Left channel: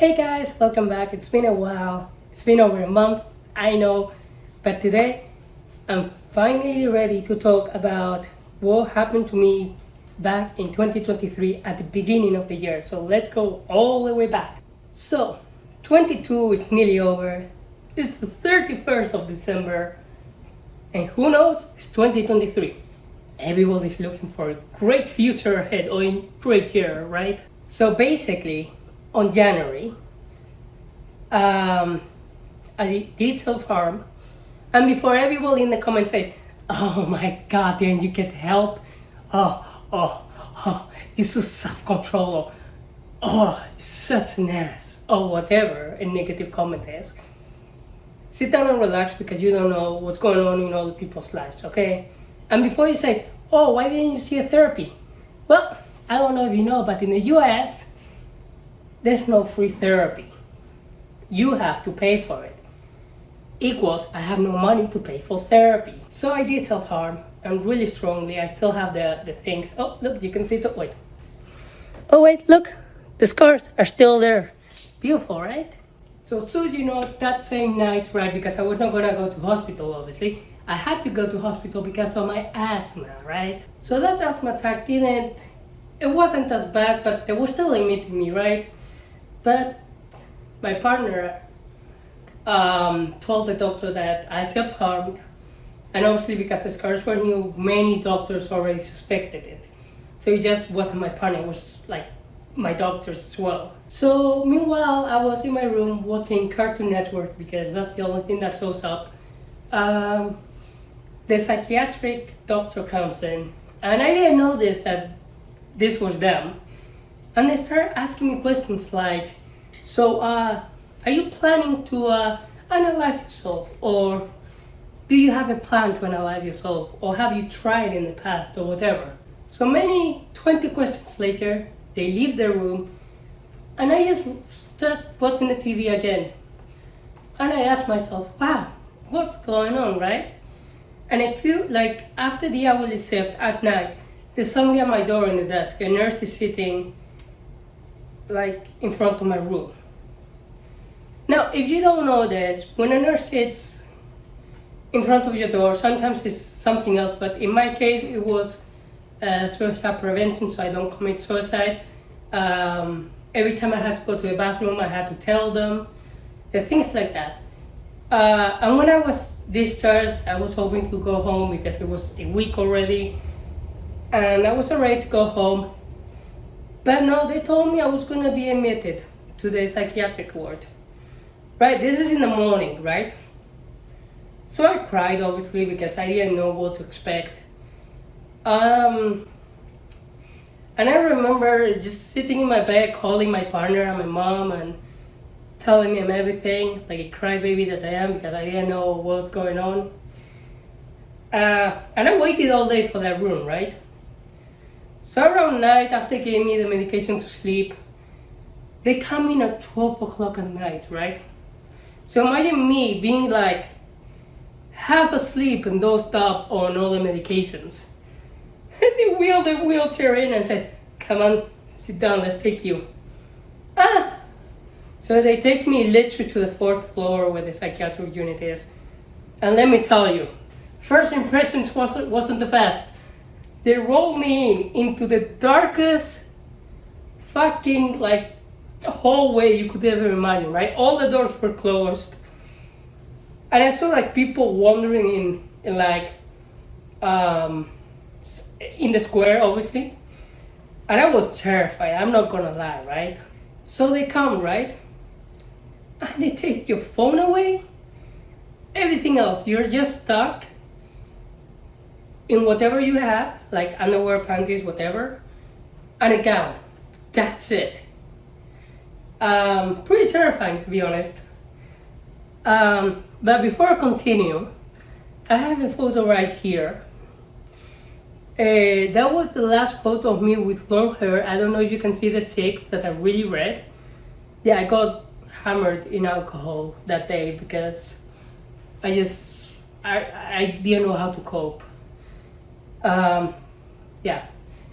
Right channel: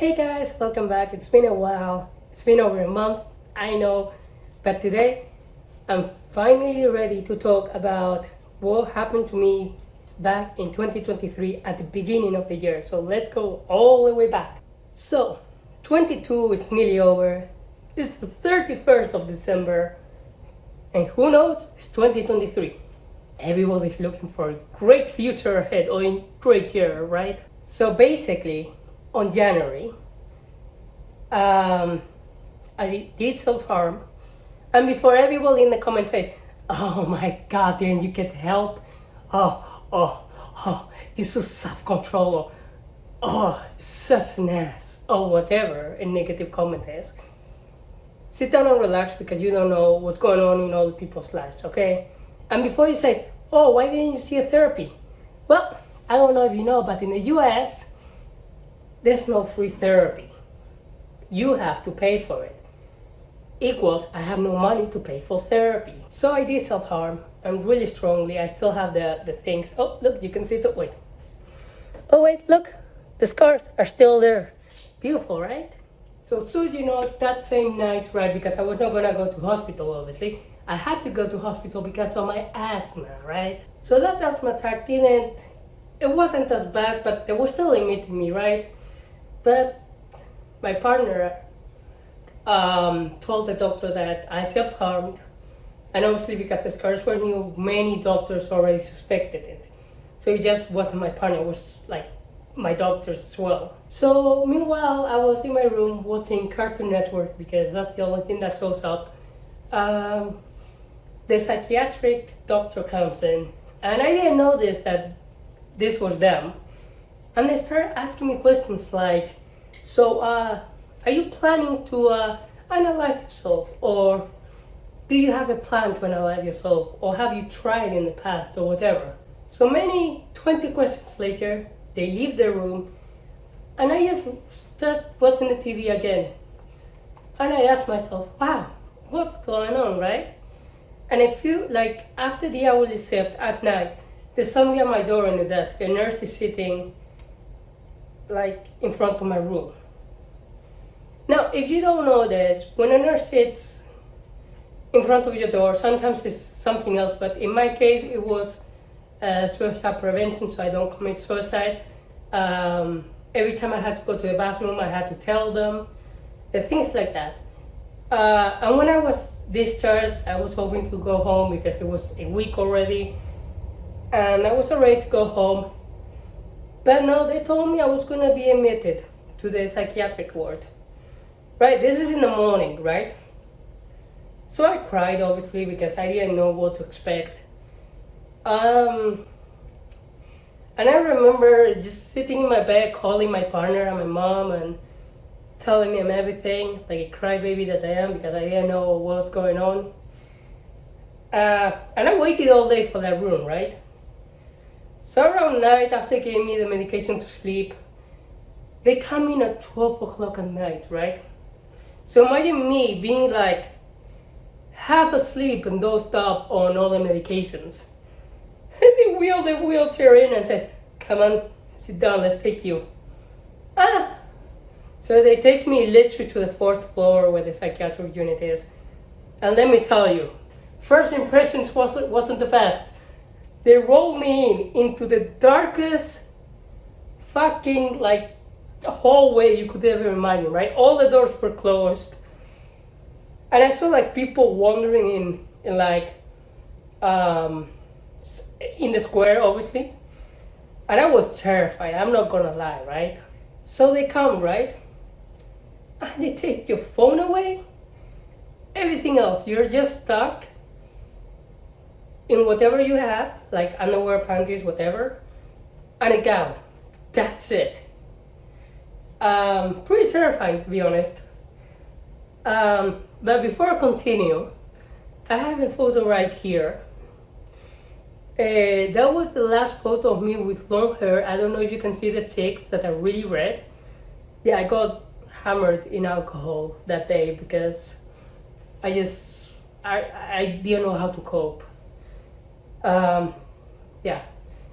Hey guys, welcome back. It's been a while. It's been over a month, I know, but today I'm finally ready to talk about what happened to me back in 2023 at the beginning of the year. So let's go all the way back. So 22 is nearly over. It's the 31st of December, and who knows, it's 2023. Everybody's looking for a great future ahead or a great year, right? So basically, on January, I did self-harm, and before everybody in the comments says, "Oh my God, didn't you get help? Oh, you're so self-control, or oh, you're such an ass," or whatever a negative comment is. Sit down and relax because you don't know what's going on in other people's lives, okay? And before you say, "Oh, why didn't you see a therapy?" Well, I don't know if you know, but in the US, there's no free therapy. You have to pay for it. Equals, I have no money to pay for therapy. So I did self-harm, and really strongly. I still have the things. Oh, look, you can see the, wait. Oh, wait, look, the scars are still there. Beautiful, right? So you know, that same night, right, because I was not gonna go to hospital, obviously, I had to go to hospital because of my asthma, right? So that asthma attack it wasn't as bad, but they were still emitting me, right? But my partner told the doctor that I self-harmed, and obviously because the scars were new, many doctors already suspected it. So it just wasn't my partner, it was like my doctors as well. So meanwhile, I was in my room watching Cartoon Network because that's the only thing that shows up. The psychiatric doctor comes in, and I didn't notice that this was them. And they started asking me questions like, so are you planning to unalive yourself? Or do you have a plan to unalive yourself? Or have you tried in the past or whatever? So 20 questions later, they leave the room, and I just start watching the TV again. And I ask myself, wow, what's going on, right? And I feel like after the hourly shift at night, there's somebody at my door in the desk. A nurse is sitting like in front of my room. Now, if you don't know this, when a nurse sits in front of your door, sometimes it's something else, but in my case, it was suicide prevention, so I don't commit suicide. Every time I had to go to the bathroom, I had to tell them, things like that. And when I was discharged, I was hoping to go home because it was a week already, and I was ready to go home. But no, they told me I was gonna be admitted to the psychiatric ward. Right, this is in the morning, right? So I cried, obviously, because I didn't know what to expect. And I remember just sitting in my bed, calling my partner and my mom and telling them everything, like a crybaby that I am, because I didn't know what was going on. And I waited all day for that room, right? So around night, after they gave me the medication to sleep, they come in at 12 o'clock at night, right? So imagine me being like half asleep and dozed up on all the medications. They wheeled the wheelchair in and said, "Come on, sit down, let's take you." So they take me literally to the 4th floor where the psychiatric unit is. And let me tell you, first impressions wasn't the best. They rolled me into the darkest fucking like hallway you could ever imagine, right? All the doors were closed, and I saw like people wandering in like in the square, obviously, and I was terrified, I'm not gonna lie, right? So they come, right, and they take your phone away, everything else, you're just stuck in whatever you have, like underwear, panties, whatever, and a gown. That's it. Pretty terrifying, to be honest. But before I continue, I have a photo right here. That was the last photo of me with long hair. I don't know if you can see the cheeks that are really red. Yeah, I got hammered in alcohol that day because I didn't know how to cope. Yeah,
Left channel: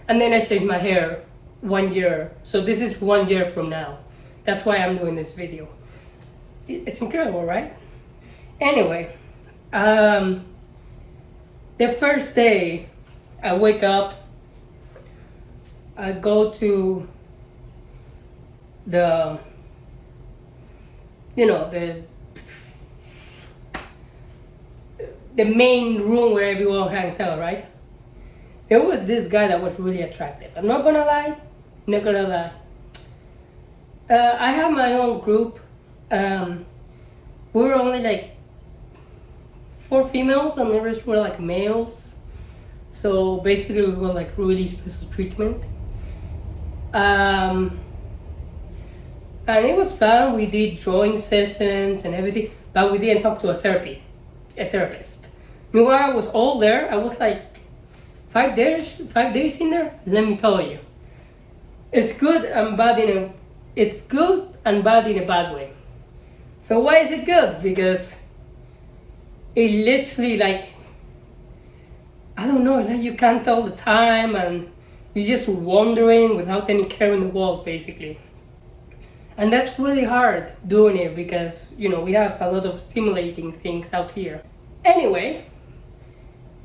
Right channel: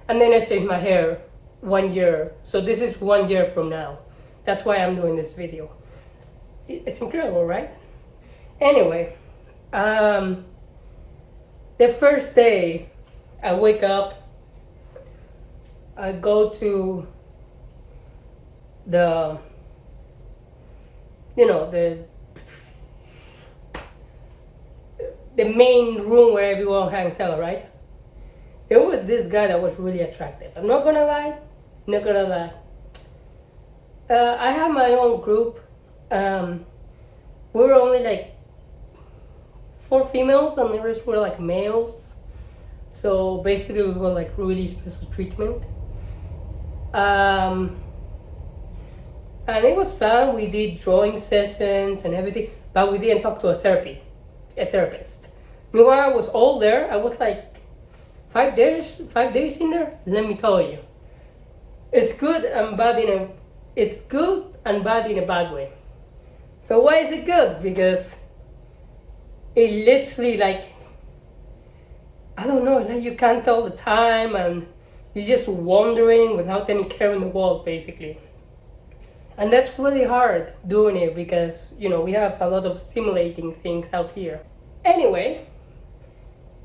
and then I shaved my hair 1 year. So this is 1 year from now. That's why I'm doing this video. It's incredible, right? Anyway, the first day I wake up, I go to the, the main room where everyone hangs out, right? There was this guy that was really attractive. I'm not gonna lie. I have my own group. We were only like 4 females and the rest were like males. So basically we got like really special treatment. And it was fun. We did drawing sessions and everything, but we didn't talk to a therapist. Meanwhile, I was all there. I was like 5 days in there. Let me tell you, it's good and bad in a bad way. So why is it good? Because it literally, like, I don't know, like you can't tell the time and you're just wandering without any care in the world, basically. And that's really hard doing it because, we have a lot of stimulating things out here. Anyway,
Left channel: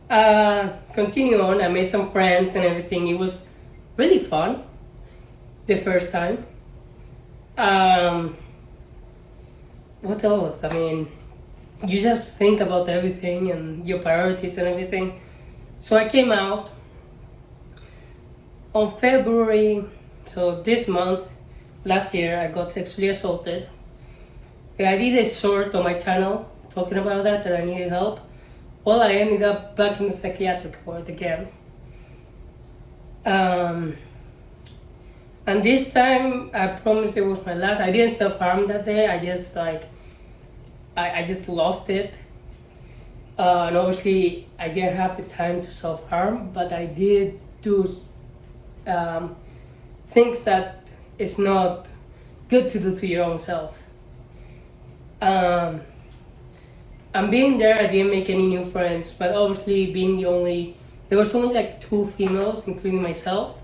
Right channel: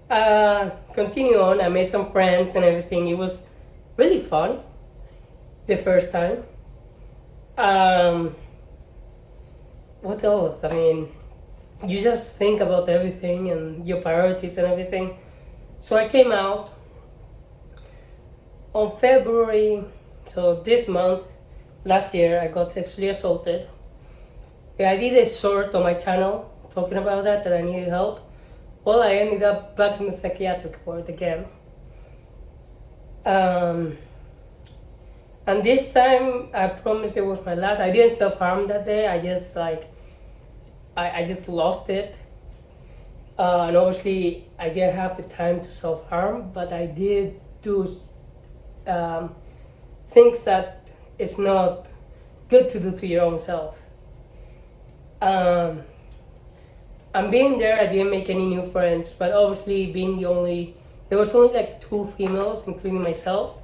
continue on. I made some friends and everything. It was really fun the first time. What else? I mean, you just think about everything and your priorities and everything. So I came out on February, so this month, last year, I got sexually assaulted. I did a short on my channel talking about that I needed help. Well, I ended up back in the psychiatric ward again. And this time, I promised it was my last. I didn't self-harm that day. I just I just lost it. And obviously, I didn't have the time to self-harm, but I did do things that it's not good to do to your own self. And being there, I didn't make any new friends, but obviously being there was only like 2 females, including myself.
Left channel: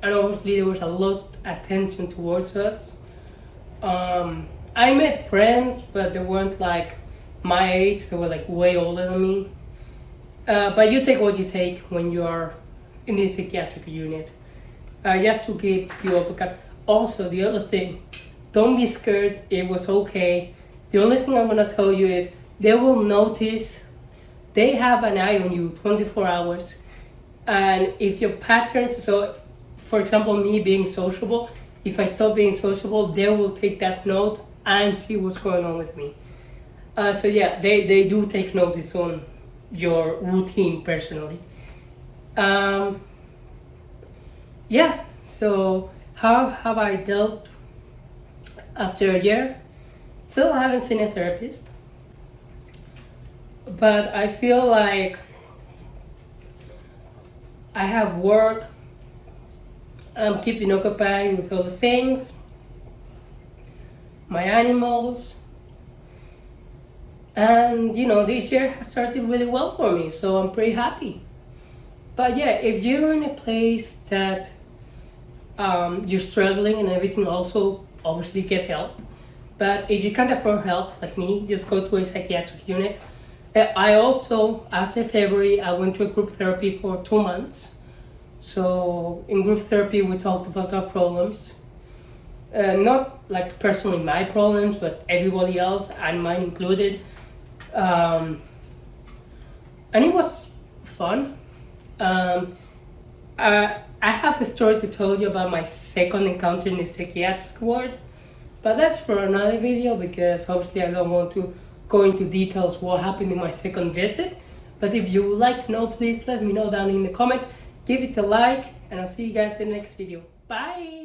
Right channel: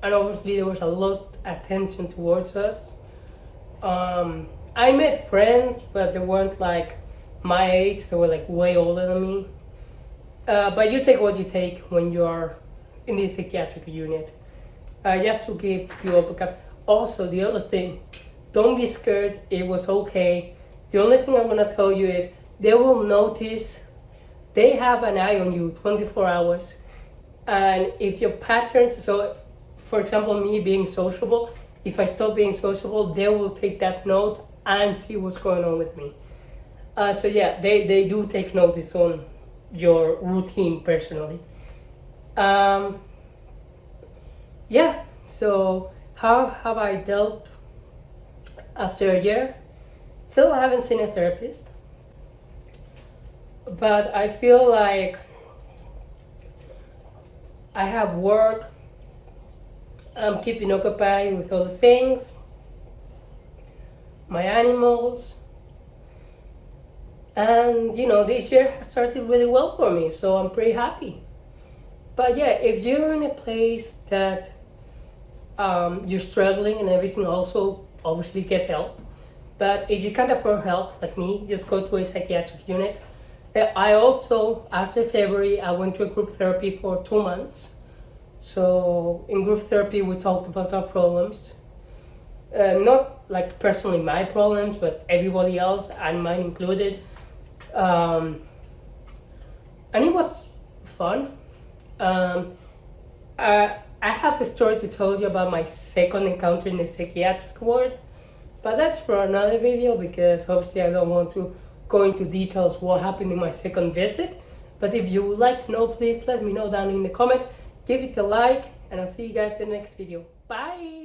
And obviously there was a lot of attention towards us. I made friends, but they weren't like my age, they were like way older than me. But you take what you take when you're in the psychiatric unit. You have to keep your book up. Also, the other thing, don't be scared. It was okay. The only thing I'm gonna tell you is they will notice. They have an eye on you 24 hours. And if your patterns, so for example, me being sociable, if I stop being sociable, they will take that note and see what's going on with me. So yeah, they do take notice on your routine personally. Yeah, so how have I dealt after a year? Still haven't seen a therapist, but I feel like I have work. I'm keeping occupied with other things, my animals, and this year has started really well for me, so I'm pretty happy. But yeah, if you're in a place that you're struggling and everything, also obviously get help. But if you can't afford help, like me, just go to a psychiatric unit. I also, after February, I went to a group therapy for 2 months. So in group therapy, we talked about our problems. Not like personally my problems, but everybody else, and mine included. And it was fun. I have a story to tell you about my second encounter in the psychiatric ward, but that's for another video because obviously I don't want to go into details what happened in my second visit. But if you would like to know, please let me know down in the comments. Give it a like, and I'll see you guys in the next video. Bye!